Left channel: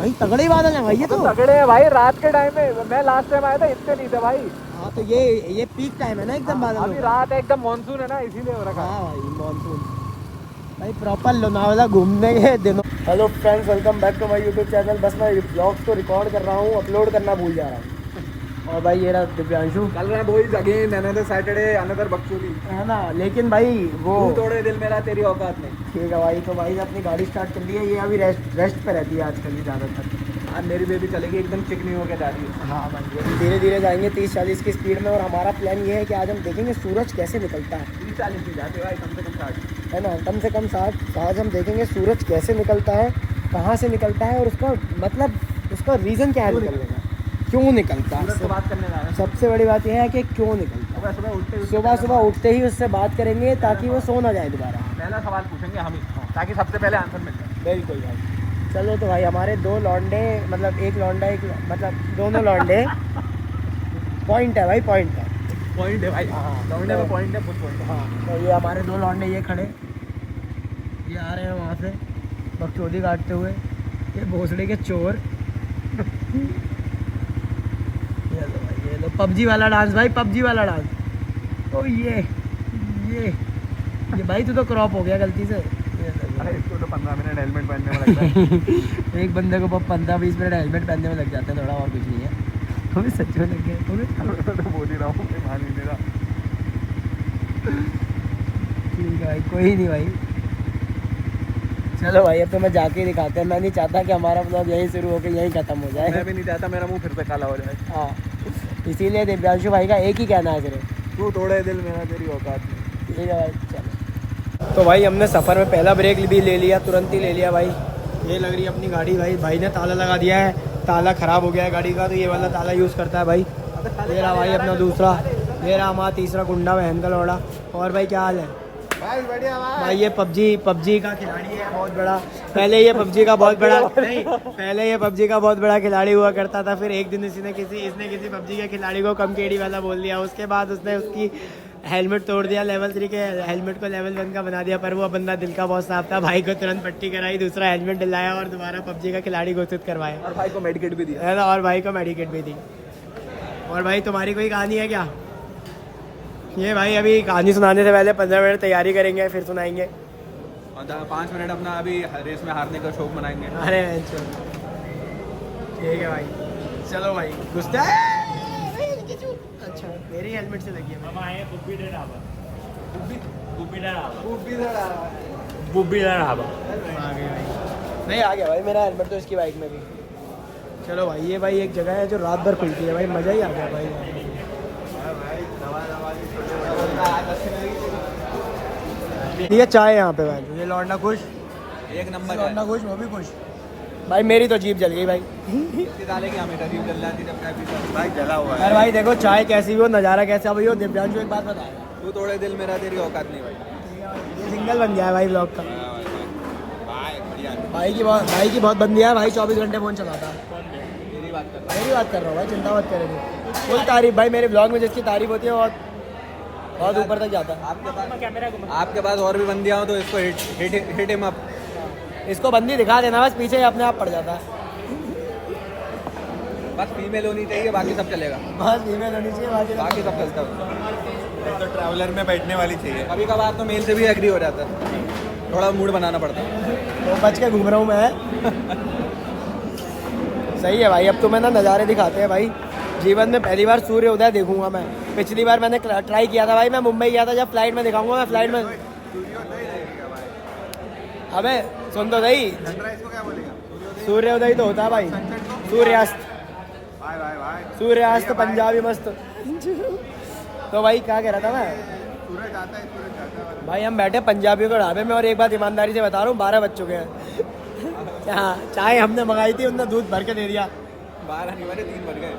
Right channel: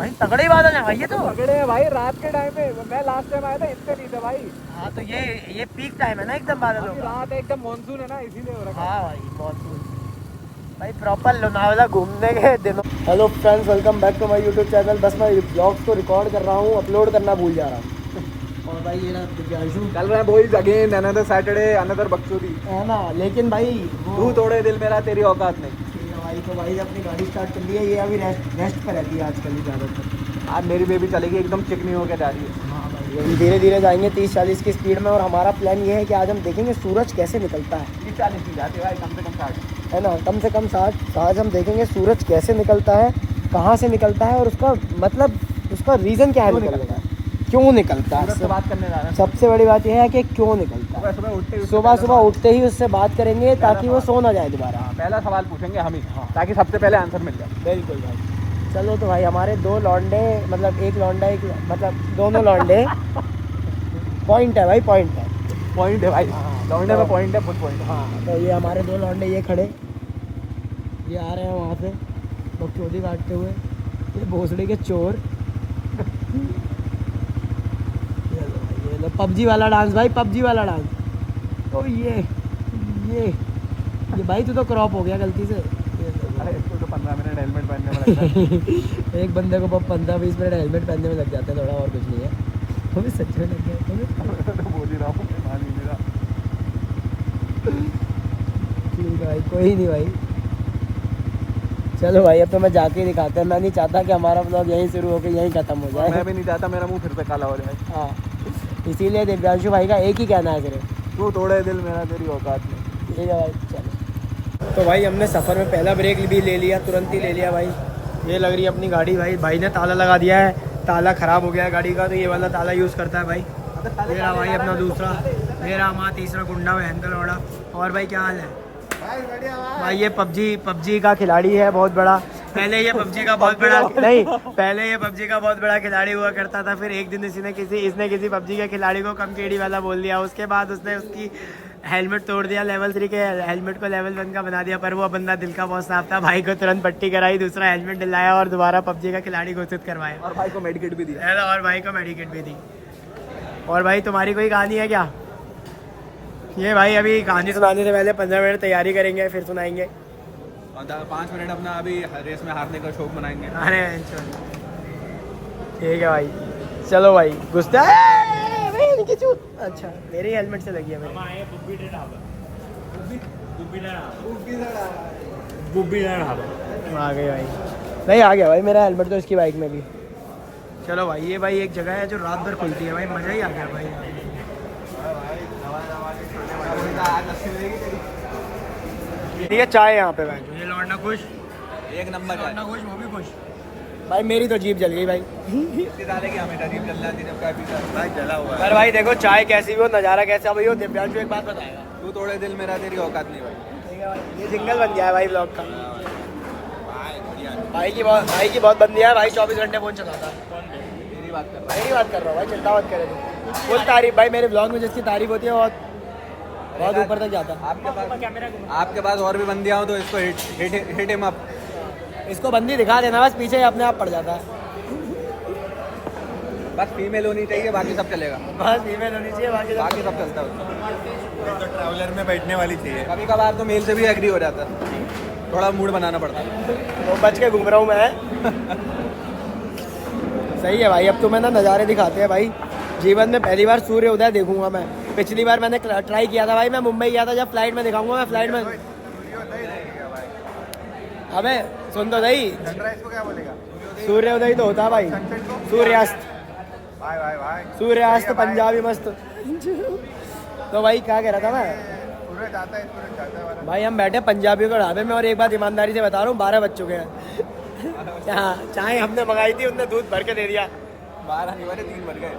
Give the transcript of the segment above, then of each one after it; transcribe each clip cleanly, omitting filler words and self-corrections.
भाई तगड़े बादल हैं भाई, ये तो तगड़े है भाई। रात के टाइम में मैं लास्ट टाइम आया था, इतने नहीं थे भाई। हाँ तो ये पीक टाइम है ना एकदम बादल। अभी रात है, एकदम मानसून है ना, इसीलिए हो रखा है। हाँ भाई मानसून भाई, प्रॉपर लोनावाला घूमने के दिनों। Hello friends, welcome back to my YouTube channel. बस मैं ब्लॉग्स को रिकॉर्ड कर रहा हूँ, अपलोड करना भूल जा रहा हूँ। और भाई ये रहा दिव्यांशु, चल रहा है boys again another Saturday another बकचोदी है ना। लेकिन भाई वो तू तोड़े दिल मेरा, तेरी औकात नहीं। ठीक है भाई। तो भाई अपनी गाड़ी स्टार्ट कर ली है, ये अभी रेस्ट पे रहती है आजकल ही ज़्यादातर। आज मेरी बेबी चलेगी एकदम चिकनी होकर जा रही है। हाँ भाई धीरे धीरे जाएंगे 30-40 की स्पीड में। और हमारा प्लान ये है कि आज हम देखेंगे सूरज कैसे निकलता है, 40 की जाते भाई, कम से कम 60। है ना। कम से कम 60। आज हम देखेंगे सूरज कैसे निकलता है, कहाँ से निकलता है, और उसका मतलब उसका रीज़न क्या है निकलने का, क्यों निकलता है। बात करने जा रहा है। सबसे बड़ी बात यह है कि क्यों निकलता है। सुबह सुबह उठते ही उससे बात करेंगे ताकि वो सो ना जाए दोबारा। पहला सवाल पूछेंगे हम ही, ताकि सबसे पहले आंसर मिल जाए। बिल्कुल भाई। चलो तो भाई हमारे दो लौंडे, मतलब एक लौंडा एक मतलब दोनों लौंडे पॉइंट है भाई, पॉइंट है। पॉइंट है भाई, हाँ, लौंडे का पॉइंट है, फुल पॉइंट है। हाँ तो ये हमारे दो लौंडे ये खड़े, ये आ रहे हैं वहाँ से बकचोदी काटते हुए, ये भोसड़े के चोर। ये लो भाई, ये लो पबजी वाला डांस भाई, पबजी वाला डांस। ओ ये भाई तू तो क्रॉप हो गया गलती से। ये लो भाई। इसको तो 15 मिनट हेलमेट पहनने में लगता है। एक बंदे को 15-20 मिनट हेलमेट पहनने में लग जाते हैं, थोड़ा और कुछ नहीं है। तो भी सच में लग गया, तो भी बोल ही रहा हूँ, ठीक है भाई, कोई नहीं भाई। चलो भाई अब तो मैं जाके ही दिखाते हैं। मैं नहीं चाहता कि हमारा ब्लॉग यहीं शुरू होकर यहीं ख़त्म हो जाए। मैं भी नहीं चाहता मेरा मुंह फिर से काला हो जाए। हाँ इसीलिए दिव्यांशु भाई का एक ही कहना है सिर्फ, तू तोड़े दिल मेरा, तेरी औकात नहीं। ठीक है भाई। चलो तो भाई हमने सफ़र में पहला ब्रेक भी ले लिया, तुरंत ही ले लिया भाई। ये लग रही है अपनी गाड़ी भाई, भाई ने ताला लगा दिया है, ताला ख़राब हो गया है गाड़ी का, तो ये वाला ताला यूज़ करता है भाई। ये रहा भाई अपना दूसरा, ये रहा हमारा तीसरा गुंडा बहन का लौड़ा। और भाई क्या हाल है भाई? बढ़िया भाई। ये पबजी का खिलाड़ी है बहुत बड़ा। पहले ये पबजी का बहुत बड़ा खिलाड़ी हुआ करता था। फिर एक दिन इसने किसी पबजी के खिलाड़ी को कम केड़ी वाला बोल दिया। उसके बाद उसने उसकी हेलमेट तोड़ दिया, लेवल 3 के हेलमेट को लेवल 1 का बना दिया। पर वो बंदा दिल का बहुत साफ था, भाई को तुरंत पट्टी कराई, दूसरा हेलमेट दिलाया और दोबारा पबजी का खिलाड़ी घोषित करवाया। और भाई को मेडिकेट भी दिया है ना, और भाई को मेडिकेट भी दी। और भाई तुम्हारी कोई कहानी है क्या? ये भाई अभी कहानी सुनाने से पहले 15 मिनट तैयारी करेंगे, फिर सुनाएंगे। और 5 मिनट अपना अभी रेस में हारने का शौक मनाएंगे। अरे ठीक है भाई। चलो भाई घुसते हैं। अच्छा मेरी हेलमेट से लगी है मेरे। आ गए भाई, नहीं आ गया भाई मेरा हेलमेट तो इसकी बाइक में भी। चलो भाई ये भाई एक जगह है जो रात भर खुलती है भाई, मज़ा ही आ गया भाई। ये चाय यहाँ पे भाई, ये लौंडा खुश, एक नंबर लौंडा खुश, वो भी खुश भाई। मेरी तो जीप जल गई भाई। भाई जला हुआ अरे भाई देखो चाय कैसी हो, नज़ारा कैसा हुई हो, दिव्यांशु एक बात बताएगा। तू तोड़े दिल मेरा, तेरी औकात नहीं भाई। सिंगल बन गया है भाई ब्लॉग का। भाई बढ़िया, भाई की बहुत बंदी है भाई, 24 घंटे फोन चलाता है। तेरी बात कर रहा हूँ। तारीफ भाई, मेरे ब्लॉग में जिसकी तारीफ होती है बहुत ऊपर तक जाता है। आपके पास और भी बंदियाँ हो तो इसको हिट हिम अप। इसको बंदी दिखा देना बस, पीछे अपने आप पड़ जाता है। बस फीमेल होनी चाहिए, बाकी सब चलेगा। बस फीमेल होनी चाहिए, बाकी सब चलता है। ट्रैवलर में बैठने वाली चाहिए। कभी कभार तो मेल से भी एग्री हो जाता है, थोड़ा मूड बनाना पड़ता है। बच के घूम रहा हूँ मैं। सही है भाई। अब तो मैं ना नज़ारे दिखाते हैं भाई। जीवन में पहली बार सूर्य उदय देखूंगा मैं। पिछली बार मैंने ट्राई किया था भाई, मैं मुंबई गया था, जब फ्लाइट में दिखाऊंगा मैं, फ्लाइट में। अबे सुन तो सही, सूर्य उदय तो होता है भाई, सूर्यास्त पंजाबी मस्त। तो भाई क्या कह रहा था मैं भाई, हम बैठे पंजाबियों के ढाबे में और एक बात ईमानदारी से बता रहा हूँ, 12 बज चुके हैं। हाँ चाय हमने मंगाई थी, उनने दूध भर के दे दिया। 12 नहीं बजे 3 बज गए।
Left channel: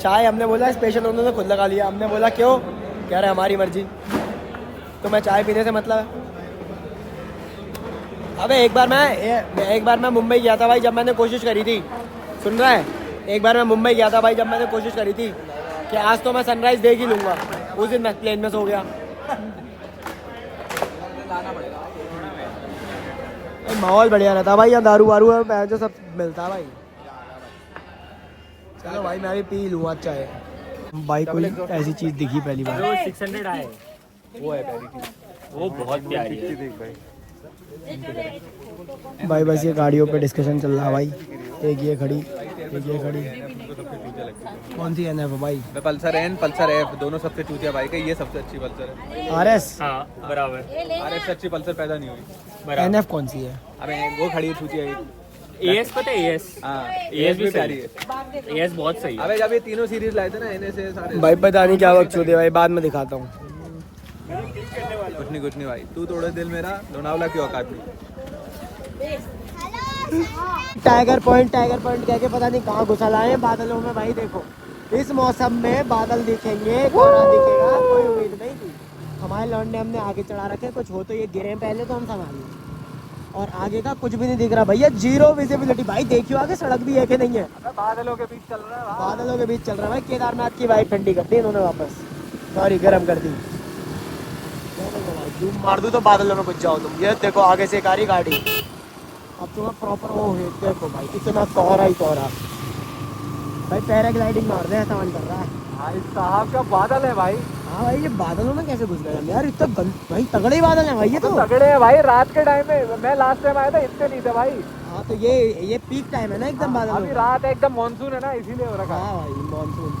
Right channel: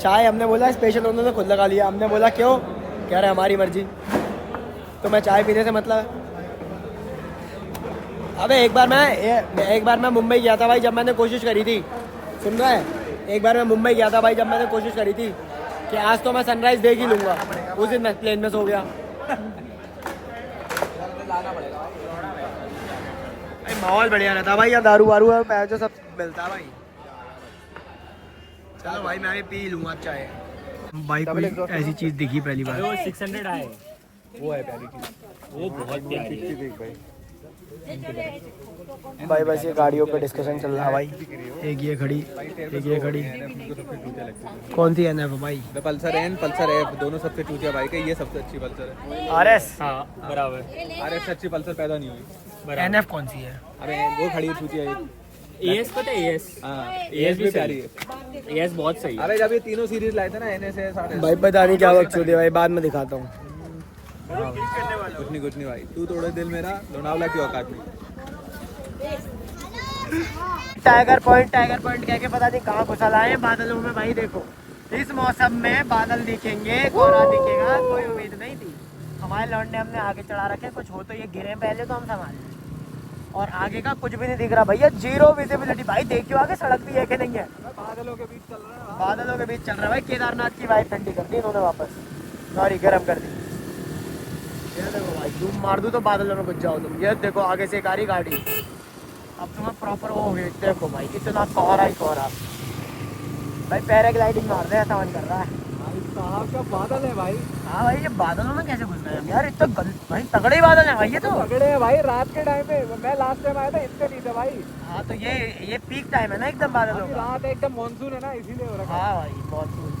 चाय हमने बोला स्पेशल, उन्होंने खुद लगा लिया। हमने बोला क्यों, कह रहे हमारी मर्जी। तो मैं चाय पीने से मतलब है। अबे एक बार मैं मुंबई गया था भाई, जब मैंने कोशिश करी थी, सुन रहा है, एक बार मैं मुंबई गया था भाई, जब मैंने कोशिश करी थी कि आज तो मैं सनराइज देख ही लूँगा, उस दिन मैं प्लेन में सो गया। माहौल बढ़िया रहता है भाई, यहाँ दारू वारू है मैं जो सब मिलता है भाई। चलो भाई मैं भी पी लूँ अच्छा है भाई। कोई ऐसी चीज दिखी पहली बार। 600 आए वो है पहली चीज, वो बहुत प्यारी है। देख भाई। भाई बस ये गाड़ियों पे डिस्कशन चल रहा है भाई। एक ये खड़ी, एक ये खड़ी। कौन सी एन है भाई? पल्सर एन, पल्सर एफ, दोनों सबसे चूतिया बाइक है। ये सबसे अच्छी पल्सर है। RS। हाँ बराबर आरएफ से अच्छी पल्सर पैदा नहीं हुई। बराबर। NF कौन सी है? अबे वो खड़ी है चूतिया एक। एएस पता है एएस? हाँ एएस भी प्यारी सही है। है, एएस बहुत सही है। अबे जब ये तीनों सीरीज लाए थे ना एनएस से सारे। भाई पता नहीं क्या वक्त दे भाई, बाद में दिखाता हूँ। कुछ नहीं भाई, तू तोड़े दिल मेरा, लोनावला की औकात नहीं। टाइगर पॉइंट कह के पता नहीं कहाँ घुसा लाए हैं बादलों में भाई। देखो इस मौसम में बादल दिखेंगे, कोहरा दिखेगा, कोई उम्मीद नहीं थी। हमारे लौंडे हमने आगे चढ़ा रखे, कुछ हो तो ये गिरे पहले तो हम संभालेंगे। और आगे का कुछ भी नहीं दिख रहा भैया, जीरो विजिबिलिटी। भाई देखियो आगे सड़क भी है कि नहीं है? बादलों के बीच चल रहा है। बादलों के बीच चल रहा है भाई। केदारनाथ की बाइक ठंडी कर दी इन्होंने वापस, सॉरी गर्म कर दी। ये देखो भाई, धूप मार दूं तो बादलों में घुस जाओ तुम। ये देखो आगे से एक आ रही गाड़ी, अब तुम्हें प्रॉपर वो हो। देखो भाई कितना कोहरा ही कोहरा भाई। पैराग्लाइडिंग मार रहे हैं, ऐसा मन करता है भाई साहब क्या बादल है भाई। हाँ भाई ये बादलों में कैसे घुस गए हम यार? इतना भाई तगड़े बादल है भाई ये तो। तगड़े है भाई, रात के टाइम में मैं लास्ट टाइम आया था इतने नहीं थे भाई। हाँ तो ये पीक टाइम है ना एकदम बादल। अभी रात है एकदम मानसून है ना, इसीलिए हो रखा है। हाँ भाई मानसून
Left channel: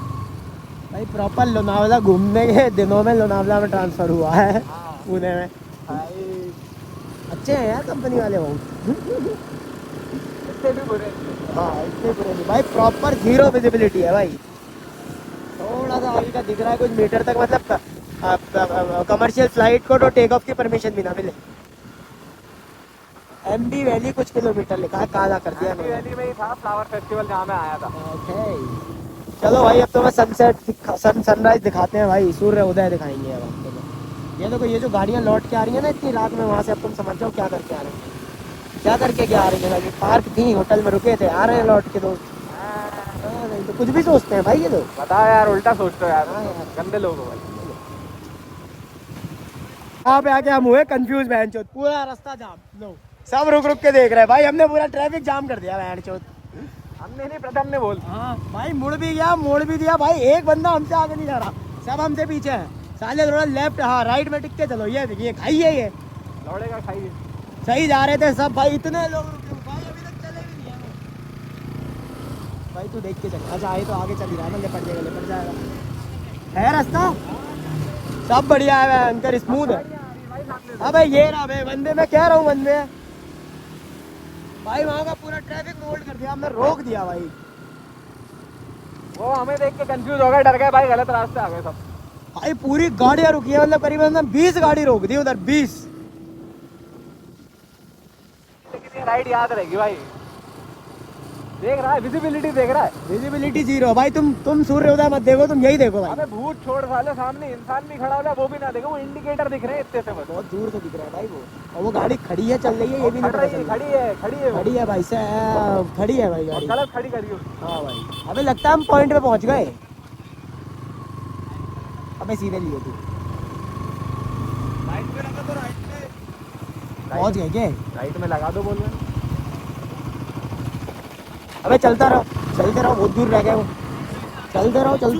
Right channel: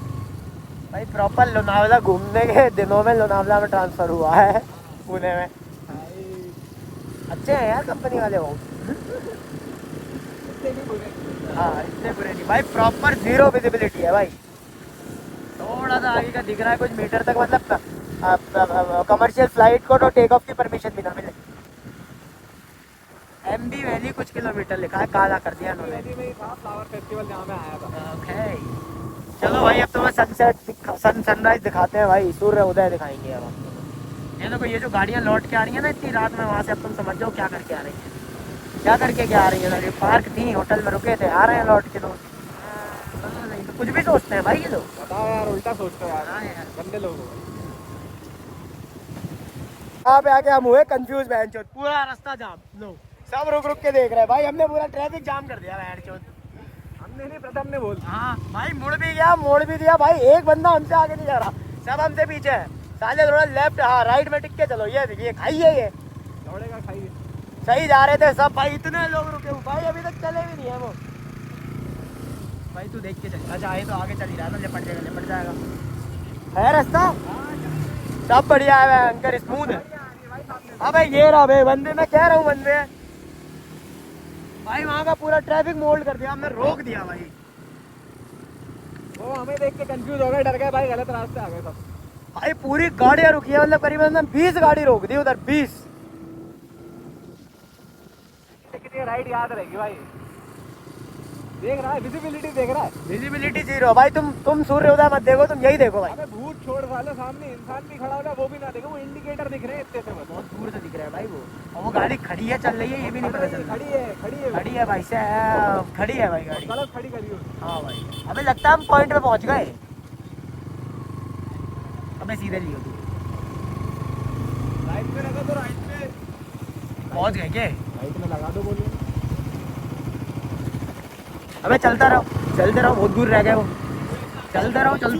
भाई। प्रॉपर लोनावला घूमने के दिनों में लोनावला में ट्रांसफर हुआ है पुणे में। अच्छे हैं यार कंपनी वाले वो। इतने भी बुरे हाँ इतने बुरे नहीं भाई। प्रॉपर जीरो विजिबिलिटी है भाई। थोड़ा सा आगे का दिख रहा है कुछ मीटर तक, मतलब कमर्शियल फ्लाइट को तो टेक ऑफ की परमिशन भी ना मिले। MB वैली कुछ किलोमीटर लिखा है, काला कर दिया नहीं। वैली में ही था फ्लावर फेस्टिवल जहाँ मैं आया था। ओके चलो भाई अब तो मैं सनराइज दिखाते हैं भाई, सूर्य उदय दिखाएंगे अब। ये देखो ये जो गाड़ियाँ लौट के आ रही है ना इतनी रात में, वहाँ से अब तुम समझ जाओ क्या करके आ रहे हैं। क्या करके क्या आ रही है? पार्क थी, होटल में रुके थे, आ रहे हैं लौट के लोग। नहीं तो कुछ भी सोचते हैं भाई ये लोग। बताओ यार, उल्टा सोचते हो यार। हाँ यार। गंदे लोग हो भाई। यहाँ पे आके हम हुए कंफ्यूज बहन चोद, पूरा रास्ता जाम। लो सब रुक रुक के देख रहे हैं भाई, हमने पूरा ट्रैफिक जाम कर दिया बहन चोद। हमने नहीं, प्रथम ने बोल। हाँ भाई मुड़ भी गया, मोड़ भी दिया भाई। एक बंदा हमसे आगे नहीं जा रहा, सब हमसे पीछे है। साले थोड़ा लेफ्ट, हाँ राइट में टिक के चलो। ये खाई है ये लौड़े का खाई। सही जा रहे थे सब भाई, इतने लोग रुके हुए भाई, अभी तक चले भी नहीं है वो। भाई तू देख के चल, अच्छा आए तो आगे चली जाए, लिपट जाएगा है रास्ता। सब बढ़िया है अंदर, स्मूथ है। अबे ये रहा भाई बंदे, मैं कह रहा हूँ बंदे भाई वहाँ का पूरा ट्रैफिक मोल्ड कर दिया, हमने रोक दिया भाई। वो हमें देख के कंफ्यूज हो गए, डर गए भाई, गलत रास्ते आ गए सब। भाई पूरी गाड़ियाँ रुकी है, मतलब करीबन 20 गाड़ी रोक दी उधर, 20। लेकिन ये राइड याद रहेगी भाई। देख रहा है विजिबिलिटी, देख रहा है विजिबिलिटी जीरो भाई। तुम सूर्योदय मत देखो, तुम यही देखो भाई। हमें भूत छोड़ साले, सामने इंसान भी खड़ा हुआ है वो भी ना देखो, वो इंडिकेटर दिख रहे हैं इतने से मुझे। बहुत दूर से दिख रहा है भाई वो गाड़ी खड़ी है, चल रही है ये भी नहीं पता चल रहा। खड़ी है खड़ी है भाई साहब, खड़ी है भाई गाड़ी। गलत खड़ी करी हो। हाँ भाई, अबे लगता है हम पॉइंट पे पहुंच गए। अबे सीधे लिए तू पहुंच गए क्या? राइट में लगा दो बोल रहे। अबे चलते रहो, बहुत दूर रह गए वो। चलते रहो। गलत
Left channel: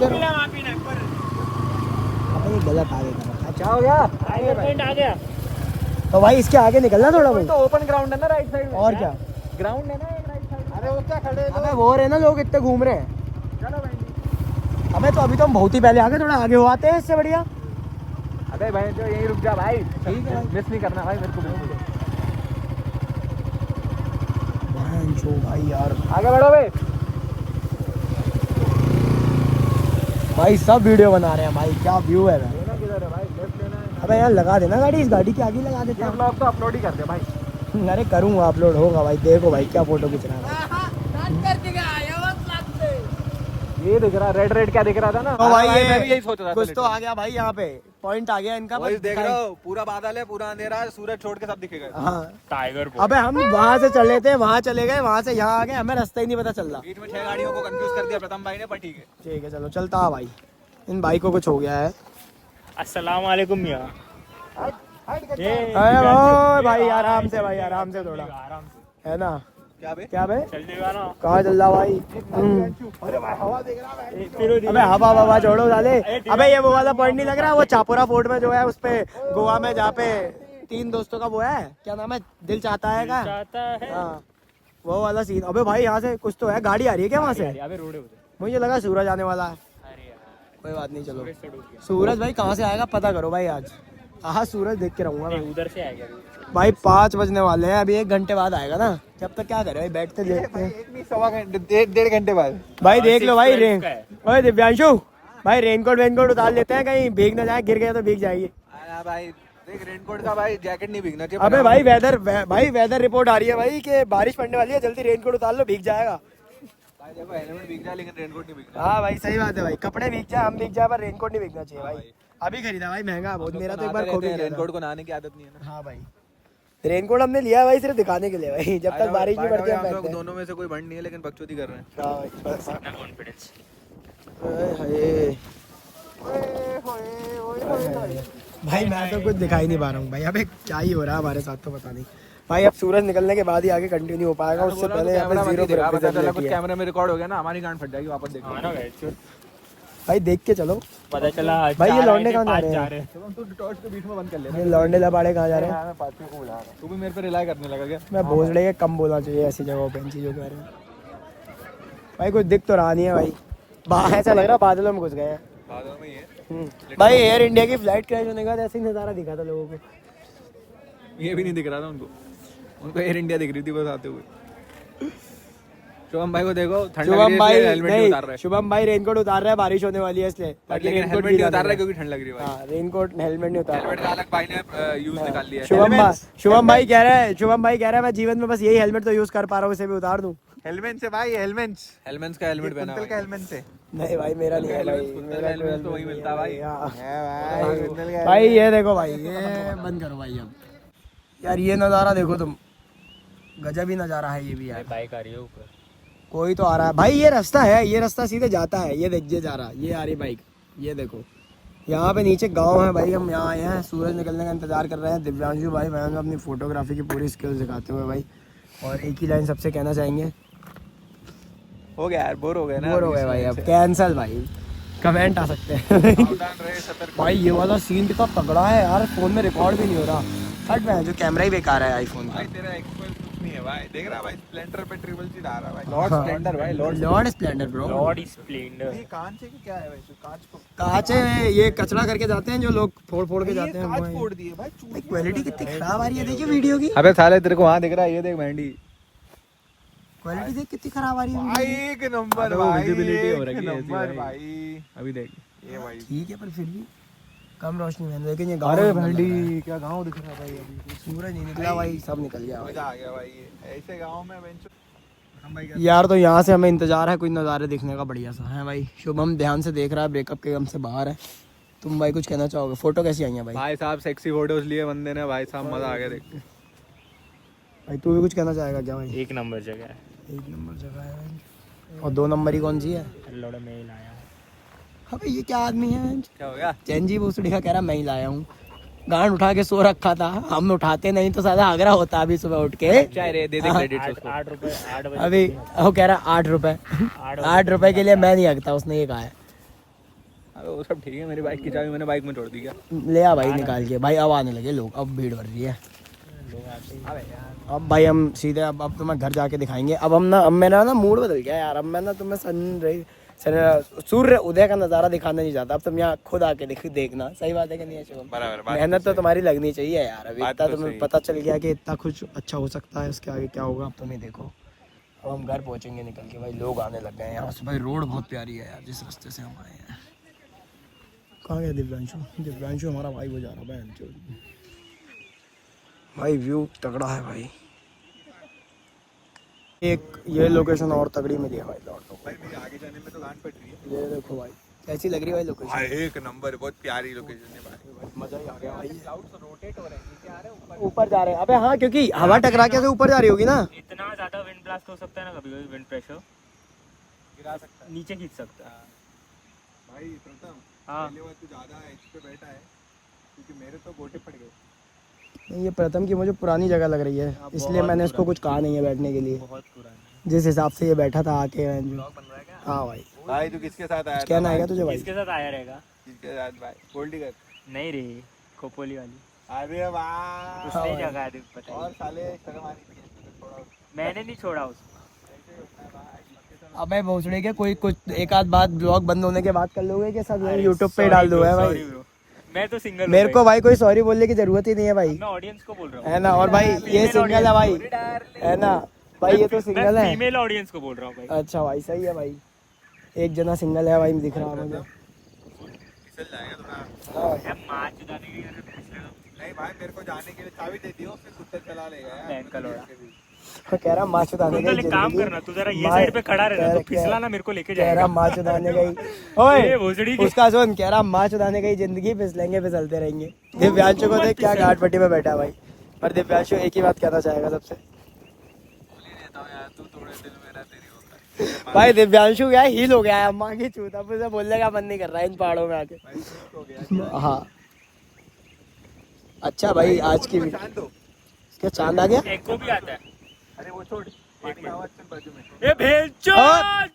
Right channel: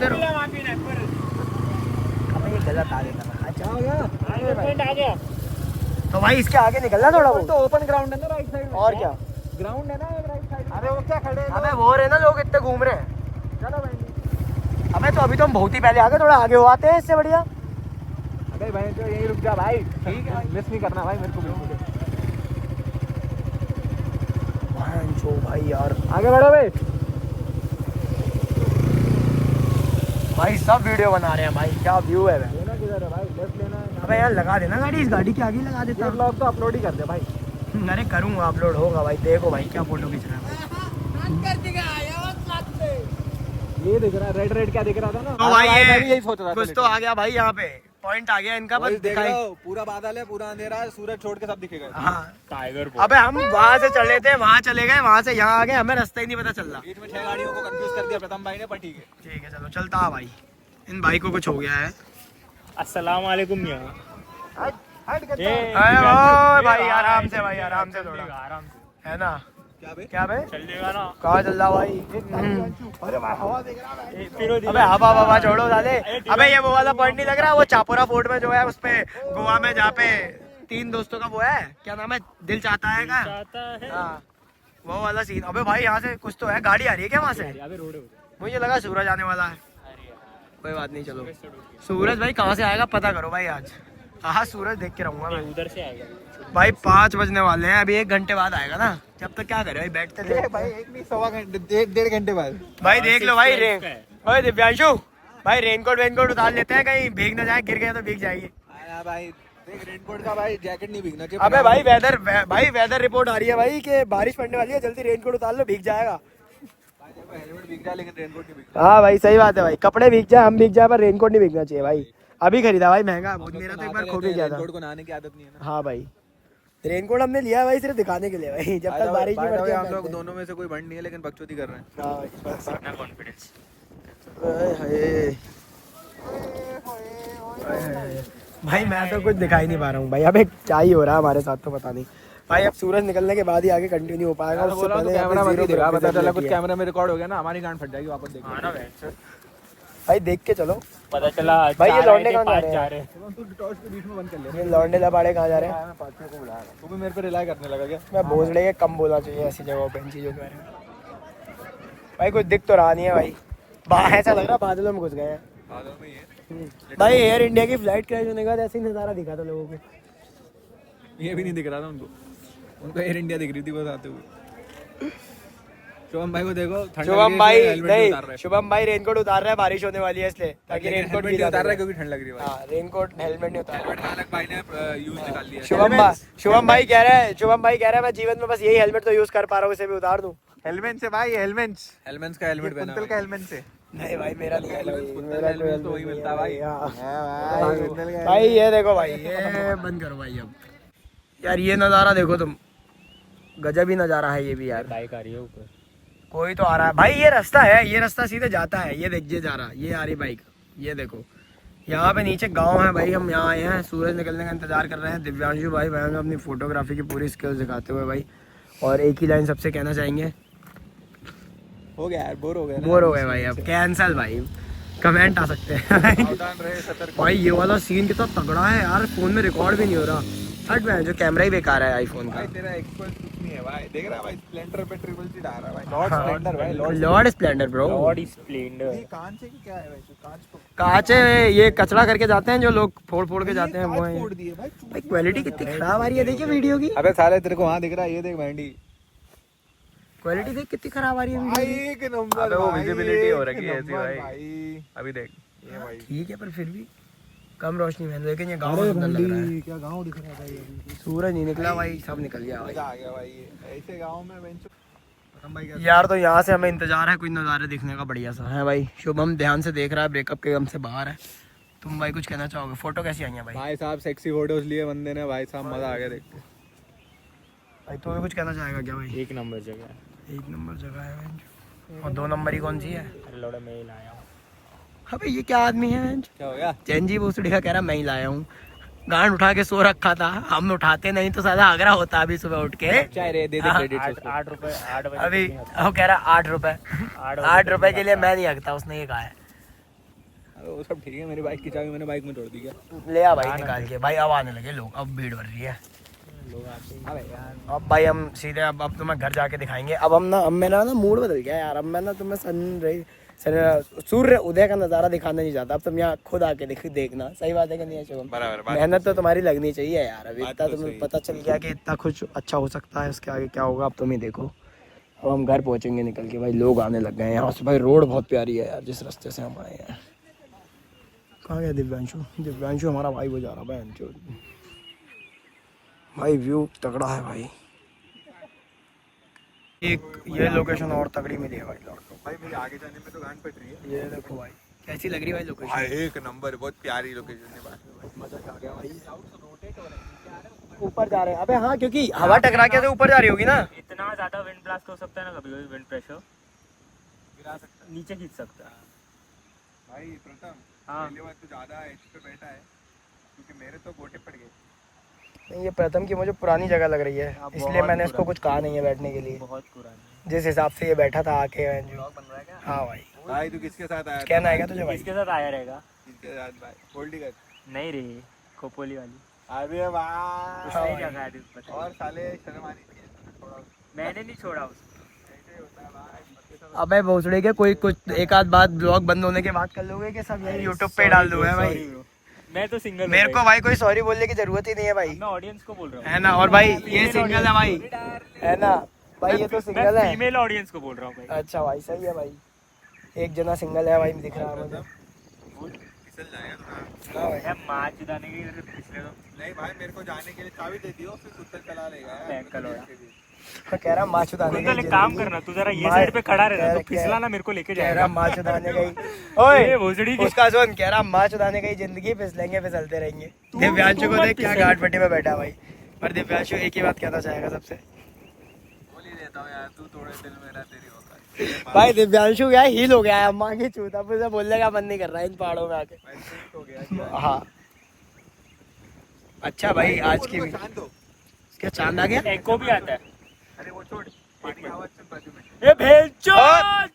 आ गया। क्या हो गया? पॉइंट आ गया। तो भाई इसके आगे निकलना थोड़ा तो ओपन ग्राउंड है ना राइट साइड में। और क्या ग्राउंड है ना राइट साइड। अरे ऊंचा खड़े। अबे वो रहे ना लोग इतने घूम रहे हैं। चलो भाई। अबे तो अभी तो हम बहुत ही पहले आगे, थोड़ा आगे हो आते हैं इससे बढ़िया। अबे भाई तो यही रुक जा भाई, ठीक है, मिस नहीं करना भाई मेरे को। भाई यार आगे बढ़ो भाई। भाई सब वीडियो बना रहे हैं भाई, क्या व्यू है। लेना किधर है भाई? लेफ्ट लेना है। अबे यार लगा देना गाड़ी, इस गाड़ी के आगे लगा ये देता। ब्लॉग तो अपलोड ही कर दे भाई। अरे करूँगा, अपलोड होगा भाई। देखो भाई क्या फोटो खींच रहा है भाई। ये दिख रहा रेड रेड क्या दिख रहा था ना। तो भाई मैं भी यही सोच रहा था। कुछ तो आ गया भाई, यहाँ पे पॉइंट आ गया इनका। वही बस देख दिखाई- रहा हूँ, पूरा बादल है, पूरा अंधेरा है, सूरज छोड़ के सब दिखेगा। हाँ टाइगर अबे हम वहाँ से चले थे, वहाँ चले गए, वहाँ से यहाँ आ गए, हमें रास्ता ही नहीं पता चल रहा। बीच में 6 गाड़ियों को कंफ्यूज कर दिया प्रथम भाई ने, पर ठीक है। ठीक है चलो चलता है भाई। इन भाई को कुछ हो गया है। अस्सलाम वालेकुम मियां। अरे ओ भाई आराम से भाई, आराम से थोड़ा, आराम से है ना? क्या बे? क्या बे? चल देगा ना। कहाँ चल रहा भाई? अरे वाह, हवा देख रहा है भाई। फिर अबे हवा हवा छोड़ो साले। अबे ये वो वाला पॉइंट नहीं लग रहा, वो चापोरा फोर्ट में जो है उस पे गोवा में, जहाँ पे 3 दोस्तों का वो है, क्या नाम है, दिल चाहता है का? चाहता है। हाँ, वो वाला सीन। अबे भाई यहाँ से कुछ तो है, गाड़ी आ रही है क्या वहाँ से? अबे रोड है उधर। मुझे लगा सूरज आने वाला है। अरे यार कोई बात नहीं, चलो। सूरज से डूब गया। सूरज भाई कहाँ से आएगा पता करो भाई आज। हाँ सूरज देख के रहूंगा मैं। उधर से आएगा। भाई 5 बजने वाले हैं, अभी 1 घंटे बाद आएगा ना। जब तक क्या करे भाई, बैठते देखते भाई हैं। एक नहीं, सवा घंटे, 1-1.5 घंटे बाद। भाई देख लो भाई 6:12 का है। भाई दिव्यांशु भाई, रेनकोट वेनकोट उतार लेते हैं, कहीं भीग ना जाए, गिर गए तो भीग जाएगी। हाँ भाई देख, रेनकोट का भाई जैकेट नहीं भीगना चाहिए। अबे भाई वेदर रिपोर्ट आ रही है भाई कि बारिश पड़ने वाली है, जल्दी रेनकोट उतार लो, भीग जाएगा। भाई देखो, हेलमेट भीग जाए लेकिन रेनकोट नहीं भीग जाए। हाँ भाई सही बात है भाई, कपड़े भीग जाए, हम भीग जाए, पर रेनकोट नहीं भीगना चाहिए भाई। अभी खरीदा भाई, महंगा है बहुत, मेरा तो एक बार खो भी गया था। रेनकोट को नहाने की आदत नहीं है ना। हाँ भाई, रेनकोट हमने लिया है भाई सिर्फ दिखाने के लिए भाई, जब तक बारिश नहीं पड़ती हम हम लोग पहनते हैं। दोनों में से कोई बंड नहीं है, लेकिन बकचोदी कर रहे हैं। हाँ भाई, बस। इतना कॉन्फिडेंस। हाय हाय। भाई मैं तो कुछ दिखाई नहीं पा रहा हूँ भाई, अबे क्या ही हो रहा है हमारे साथ तो पता नहीं भाई। अब सूरज निकलने के बाद ही आगे कंटिन्यू हो पाएगा, उससे पहले यहाँ पे 0 विजिबिलिटी है। कैमरा में रिकॉर्ड हो गया ना, हमारी गांड फट जाएगी वापस देखो। हाँ ना भाई, भाई देख के चलो पता चला भाई, ये 4 लौंडे आए थे, कहाँ 5 जा जा रहे रहे हैं। चलो तू टॉर्च को बीच में बंद कर ले। लौंडे लबाड़े कहाँ जा रहे हैं? तू भी मेरे पे रिलाई करने लगा क्या? मैं बोल रही है कम बोलना चाहिए ऐसी जगहों पे, इन चीजों के बारे में। भाई कुछ दिख तो रहा नहीं है भाई, ऐसा लग रहा बादलों में घुस गए हैं। बादलों में ही है। भाई एयर इंडिया की फ्लाइट क्रैश होने के बाद ऐसे ही नज़ारा दिखा था लोगों को। ये भी नहीं दिख रहा था उनको, उनको एयर इंडिया दिख रही थी बस आते हुए। शुभम भाई को देखो, ठंड लग रही है इसलिए हेलमेट नहीं उतार रहा है। शुभम भाई रेनकोट उतार रहा है, बारिश होने वाली है इसलिए। लेकिन हेलमेट नहीं उतार रहा है क्योंकि ठंड लग रही है भाई। रेनकोट हेलमेट नहीं उतार हेलमेट का अलग भाई ने यूज निकाल लिया है। शुभम भाई कह रहे हैं मैं जीवन में बस यही हेलमेट तो यूज कर पा रहा हूँ, इसे मैं उतार दूं। हेलमेट से भाई, हेलमेट का हेलमेट पहना है। का हेलमेट से नहीं भाई मेरा नहीं है मेरा हेलमेट तो वही मिलता है भाई। भाई ये देखो भाई, ये बंद करो भाई अब यार, ये नज़ारा देखो तुम, गजब ही नज़ारा है ये भी यार। बाइक आ रही है ऊपर, कोई तो आ रहा है भाई, ये रास्ता है, ये रास्ता सीधे जाता है, ये देखिए जा रहा, ये आ रही बाइक, ये देखो। यहाँ पे नीचे गांव है भाई, हम यहाँ आए हैं, सूरज निकलने का इंतजार कर रहे हैं। दिव्यांशु भाई बहन अपनी फोटोग्राफी की पूरी स्किल्स दिखाते हुए भाई, और एक ही लाइन सबसे कहना चाहेंगे, हो गया यार, बोर हो गए ना। बोर हो गए भाई, अब कैंसल भाई, कमेंट आ सकते हैं। भाई ये वाला सीन कितना तगड़ा है यार, फोन में रिकॉर्ड भी नहीं हो रहा। हट में जो कैमरा ही बेकार है आईफोन का। तेरा एक्सपोज कुछ नहीं है भाई, देख रहा भाई, स्प्लेंडर पे ट्रिपल सीट आ रहा है भाई, लॉर्ड स्प्लेंडर भाई, Lord Splendor bro. Body Splendor. ये कांच है कि क्या है वैसे? कांच को कांच है, ये कचरा करके जाते हैं जो लोग, फोड़ फोड़ के जाते हैं वो कांच है। फोड़ दिए भाई। भाई क्वालिटी कितनी खराब आ रही है, देखिए वीडियो की अबे साले तेरे को वहां दिख रहा है, ये देख मेहंदी क्वालिटी देख कितनी खराब आ रही है भाई, वीडियो की। एक नंबर भाई, विजिबिलिटी हो रखी है एक ऐसी नंबर भाई। अभी देख, ये भाई। ठीक है पर फिर भी कम रोशनी में, लेकिन ये गाँव अरे में लग रहा है। भाई क्या गांव दिख रहा है भाई अभी। सूरज नहीं निकला भाई, सब निकल गया भाई। मजा आ गया भाई, ये ऐसे गांव में बेंच भाई का। यार तो यहाँ से हमें इंतजार है कोई नज़ारे दिखने का बढ़िया सा है भाई। शुभम ध्यान से देख रहा है, ब्रेकअप के गम से बाहर है। तुम भाई कुछ कहना चाहोगे? फोटो कैसी आई है भाई? भाई साहब सेक्सी फोटोज लिए बंदे ने, भाई साहब मजा आ गया देख के। भाई तू भी कुछ कहना चाहेगा क्या भाई? एक नंबर जगह है। 1 नंबर जगह है भाई। और 2 नंबर ही कौन सी है? लड़ा मेल है। अबे ये क्या आदमी है? क्या हो गया? चैनजी भोसड़ी का कह रहा मैं ही लाया हूँ, गांड उठा के सो रखा था, हम उठाते नहीं तो सादा आगरा होता अभी सुबह उठ के। चाय रे, दे दे क्रेडिट उसको। 8 रुपए 8 बजे। अभी वो कह रहा 8 रुपए, 8 8 रुपए के लिए मैं नहीं हकता, उसने ये कहा है। अरे वो सब ठीक है, मेरी बाइक की चाबी मैंने बाइक में छोड़ दी क्या? ले आ भाई निकाल के भाई, अब आने लगे लोग, अब भीड़ बढ़ रही है। अब भाई हम सीधे अब तो मैं घर जाके दिखाएंगे। अब हम ना, अब मेरा ना मूड बदल गया यार, अब मैं ना तुम्हें सूर्य उदय का नज़ारा दिखाना नहीं चाहता, अब तुम यहाँ खुद आके देखना। सही बात है कि नहीं है शुभम? बराबर, मेहनत तो तुम्हारी लगनी चाहिए यार, अब बात इतना तो तुम्हें सही। पता चल गया कि इतना कुछ अच्छा हो सकता है, इसके आगे क्या होगा अब तुम ही देखो। अब हम घर पहुँचेंगे निकल के भाई, लोग आने लग गए हैं यहाँ से भाई। रोड बहुत प्यारी है यार जिस रास्ते से हम आए हैं। कहाँ गया दिव्यांशु? दिव्यांशु हमारा भाई वो जा रहा है भाई, व्यू तगड़ा है भाई। एक ये लोकेशन और तगड़ी मिली है भाई लौट तो। भाई मेरे आगे जाने में तो गांड पड़ रही है। ये देखो भाई कैसी लग रही है भाई लोकेशन। भाई एक नंबर, बहुत प्यारी लोकेशन है भाई, मजा ही आ गया भाई। ऊपर जा रहे हैं, अबे हाँ क्योंकि हवा टकरा के ऊपर जा रही होगी ना। इतना ज्यादा विंड ब्लास्ट हो सकता है ना, कभी कभी विंड प्रेशर गिरा सकता नीचे खींच सकता है। भाई प्रथम, हाँ। पहले बार तो ज्यादा एज पे बैठा है क्योंकि मेरे तो गोटे पड़ गए। ये प्रथम की मुझे पुरानी जगह लग रही है, हाँ, इसलिए बहुत मैंने इसको पुरानी। कुछ कहा नहीं है बैठने के लिए। बहुत पुराना जिस हिसाब से ये बैठा था आके ब्लॉग बन रहा है क्या? हाँ भाई, भाई तू किसके साथ आया था? कहना आएगा तुझे है। भाई? इसके साथ आया रहेगा। किसके साथ भाई? गोल्डी का। नहीं रे, खोपोली वाली। अरे वाह। उसने ही जगह है पता और है। साले शर्म आनी चाहिए। मैंने नहीं छोड़ा उसको। ऐसे ही होता है भाई। अबे भोसड़े के कोई कुछ एक आध बात ब्लॉग बंद होने के बाद कर लोगे कि सब अरे यूट्यूब पे sorry डाल bro, दूंगा भाई? sorry bro। मैं तो सिंगल मेरे को भाई कोई सॉरी बोलने की जरूरत ही नहीं है भाई, मैं ऑडियंस को बोल रहा हूँ। है ना? और भाई ये Female सिंगल है भाई, audience। है ना भाई? ये तो मैं सिंगल है। फीमेल ऑडियंस को बोल रहा हूँ भाई। अच्छा भाई, सही है भाई। एक जना सिंगल है भाई, दिख रहा है मुझे। फिसल जाएगा थोड़ा। हाँ भाई। यार माँ चुदाने की इधर पिछले तो नहीं भाई मेरे को जाने के लिए चाबी दे दियो, फिर कुत्ता चला लेगा। बैंक का लोड़ा। कह रहा माँ चुदाने कुंदल एक काम करना, तू जरा ये साइड पे खड़ा रहना, तो फिसला ना मेरे को लेके कह रहा जाएगा। माँ चुदाने गई। ये भोसड़ी की उसका सुन, कह रहा माँ चुदाने गई जिंदगी, फिसलेंगे फिसलते रहेंगे। दिव्यांशु को देख क्या घाट पट्टी में बैठा है भाई। पर दिव्यांशु एक ही बात कहना चाहेगा सबसे, बोल ही देता हूँ यार, तू थोड़े दिल में रह, तेरी औकात। भाई दिव्यांशु क्या हील हो गया है अम्मा की चूत, अब उसे बोलने का मन नहीं कर रहा है इन पहाड़ों में आके। भाई शिफ्ट हो गया जीवन। हाँ अच्छा भाई, आज की चांद दो। क्या चांद आ गया? एको भी आता है। अरे वो छोड़, पानी की आवाज सुन बाजू में। ये भेंचोद!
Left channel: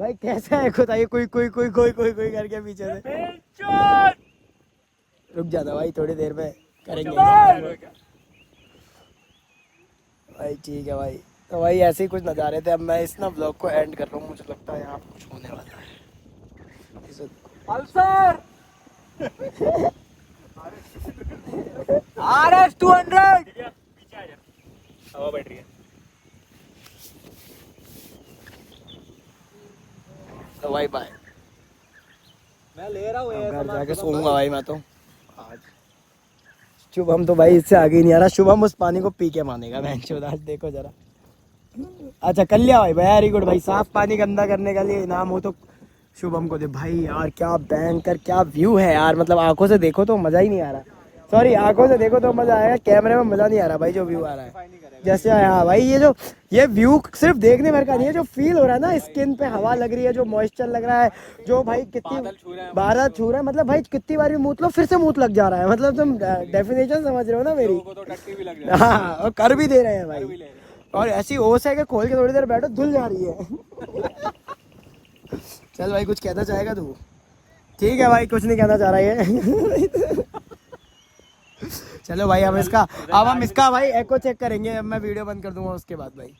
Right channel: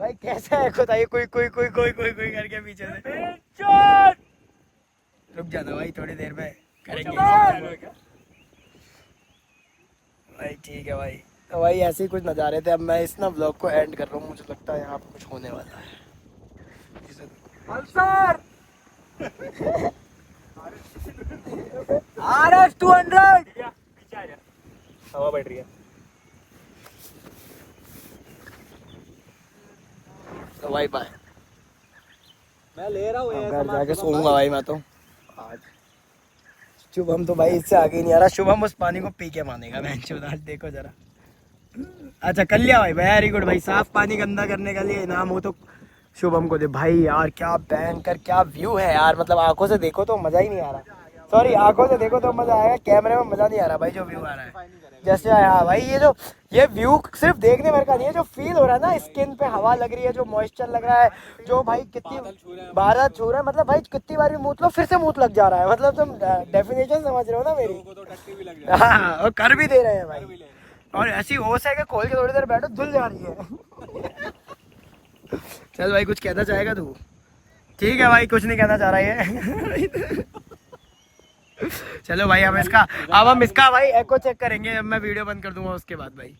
भाई कैसा है खुदा, ये कोई कोई कोई कोई कोई कोई करके पीछे से। भेंचोद! रुक जाना भाई, थोड़ी देर में करेंगे भाई। ठीक है भाई, तो भाई ऐसे ही कुछ नज़ारे थे। अब मैं इस ना ब्लॉग को एंड कर रहा हूँ, मुझे लगता है यहाँ पे कुछ होने वाला है। पल्सर RS 200 पीछे आ जा, हवा बैठ रही है। तो भाई बाय, मैं ले रहा हूँ। घर जाके सोऊंगा भाई मैं तो आज। शुभम तो भाई इससे आगे ही नहीं आ रहा। शुभम उस पानी को पी के मानेगा। मैं आज देखो जरा। अच्छा कर लिया भाई, वेरी गुड भाई। साफ पानी गंदा करने का लिए इनाम हो तो शुभम को दे भाई। यार क्या भयंकर, क्या व्यू है यार, मतलब आंखों से देखो तो मजा ही नहीं आ रहा। सॉरी, आंखों से देखो तो मजा आएगा, कैमरे में मजा नहीं आ रहा भाई। जो व्यू आ रहा है जैसे आया भाई, ये व्यू सिर्फ देखने भर का नहीं है, जो फील हो रहा है ना, स्किन पे हवा लग रही है, जो मॉइस्चर लग रहा है, जो भाई कितनी बादल छू रहा है, मतलब भाई कितनी बार मूत लो फिर से मूत लग जा रहा है। मतलब तुम डेफिनेशन समझ रहे हो ना मेरी? तो टट्टी भी लग हाँ, और कर भी दे रहे हैं भाई। और ऐसी होश है कि खोल के थोड़ी देर बैठो धुल जा रही है। चल भाई, कुछ कहना चाहेगा तू? ठीक है भाई, कुछ नहीं कहना चाह रहा है। चलो भाई, अब हम इसका भाई एको चेक करेंगे। अब मैं वीडियो बंद कर दूंगा उसके बाद भाई।